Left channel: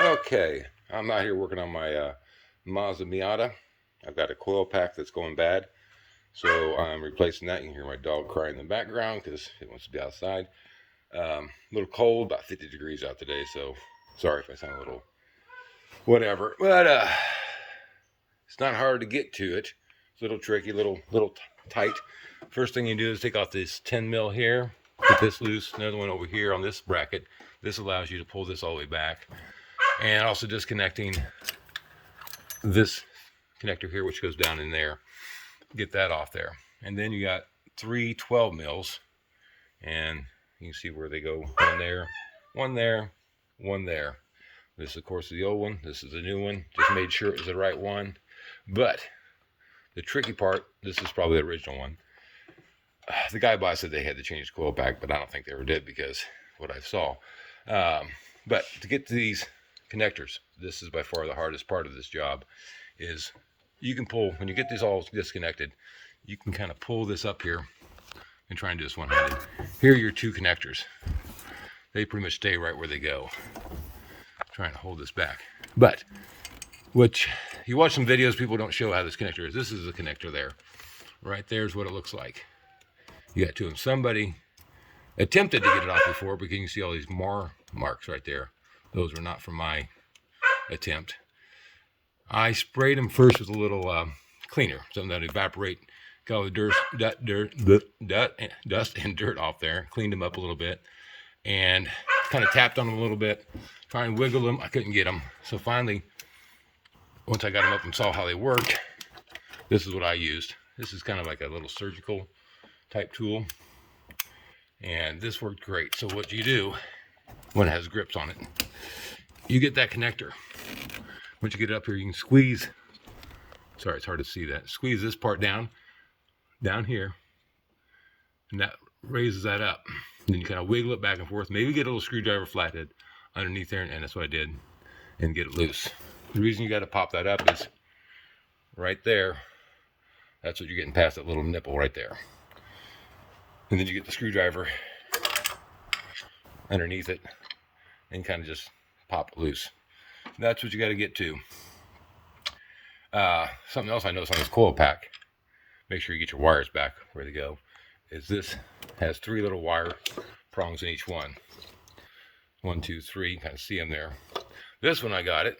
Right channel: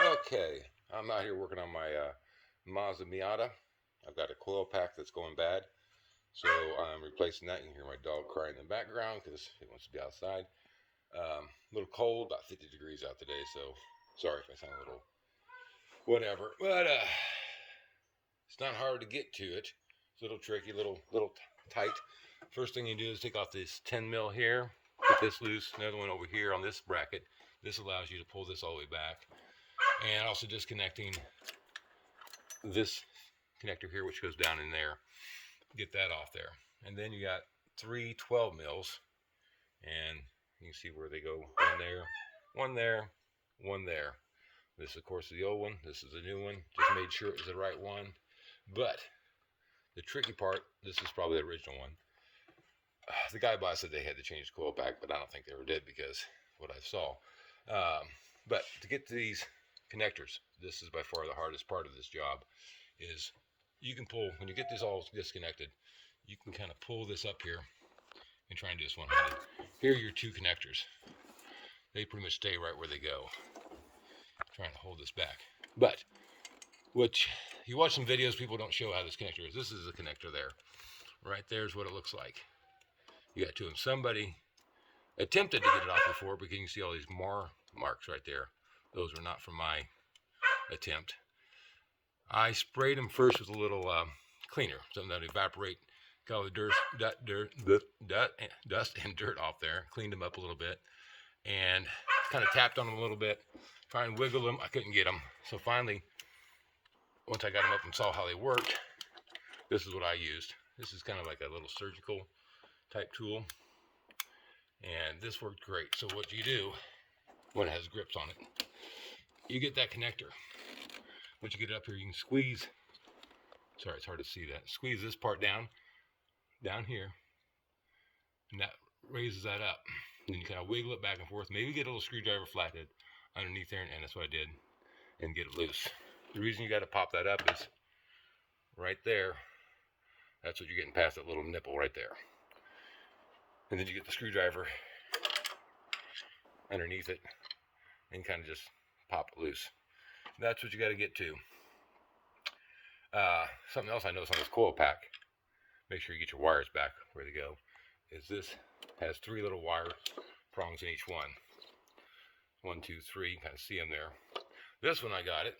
Okay, I'm out here working on my Mazda Miata. I've got a coil pack that's going bad, so I'm replacing that. You can hear my dog crying in the background because it wants to be outside. A little cold, about 50 degrees out today, so sorry if I sound a little whatever. But it's not hard to get to it. It's a little tricky, little tight. First thing you do is take off this 10 mil here, get this loose. Another one over here on this bracket. This allows you to pull this all the way back, and also disconnecting this connector here, which goes down in there. Get that off there, and then you got 3 12 mils, and you can see where they go. One there, one there, one there. This, of course, is the old one. This is the new one. Just made sure it was the right one. But the tricky part, this is probably the original one. The guy bought said they had to change the coil pack, but I don't think they ever did because what I saw. But to get to these connectors, this is by far the hardest part of this job. Is you can pull, when you get these all disconnected, you can kind of pull this up here and try and do this one-handed. Here are your two connectors. They pretty much stay right where they go. I'm trying to hold this back. But what you watch some videos, people don't show how this connector is. This is the connector there. Right there's what it looks like. You got two of them. Somebody attempted to get it off before, because you can see all these marks right there. Those were not from my attempt. I sprayed them first with a little cleaner, something that evaporate, got all the dust and dirt off there, cleaned them up a little bit, and kind of tapped on them a little bit, trying to wiggle them. I couldn't get them. So finally, once I got them up and saw how they worked, this is what I used. This is kind of like a little surgical type tool, and this worked great. So what you do when it has grips on it, you get that connector. Once you get it up here, you can squeeze, sorry, it's hard to see that, squeeze this part down here, and that raises that up. And then you kind of wiggle it back and forth, maybe get a little screwdriver flathead underneath there, and that's what I did, and get it loose. The reason you got to pop that up is right there. That's what you're getting past, that little nipple right there. And then you get the screwdriver underneath it and kind of just pop it loose. That's what you got to get to. Something else I noticed on this coil pack, make sure you get your wires back where they go, is this has 3 little wire prongs in each one. 1 2 3, you can kind of see them there. This one, I got it,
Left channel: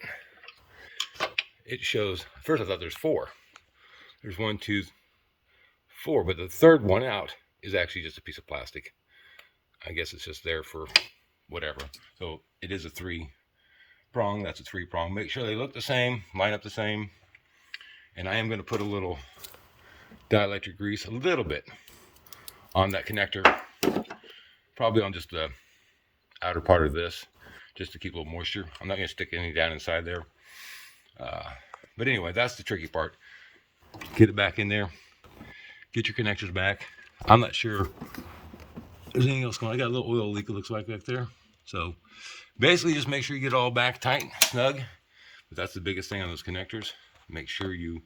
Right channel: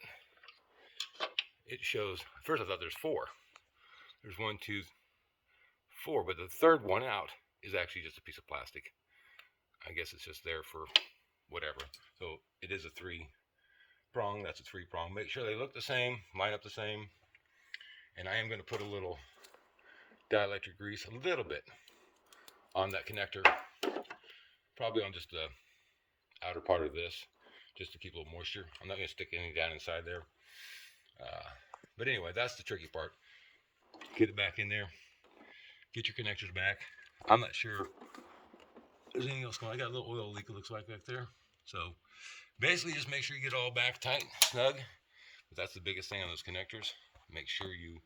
it shows, first I thought there's 4. There's 1 2 4, but the third one out is actually just a piece of plastic. I guess it's just there for whatever. So it is a 3-prong, that's a 3-prong. Make sure they look the same, line up the same. And I am going to put a little dielectric grease, a little bit, on that connector. Probably on just the outer part of this, just to keep a little moisture. I'm not going to stick any down inside there. But anyway, that's the tricky part. Get it back in there. Get your connectors back. I'm not sure there's anything else going on. I got a little oil leak, it looks like, back there. So basically just make sure you get it all back tight, snug. But that's the biggest thing on those connectors. Make sure you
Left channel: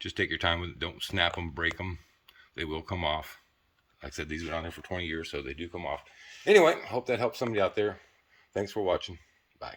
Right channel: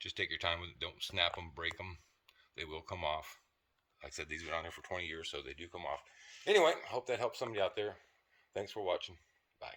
just take your time with it. Don't snap them, break them. They will come off. Like I said, these have been on there for 20 years, so they do come off. Anyway, I hope that helps somebody out there. Thanks for watching. Bye.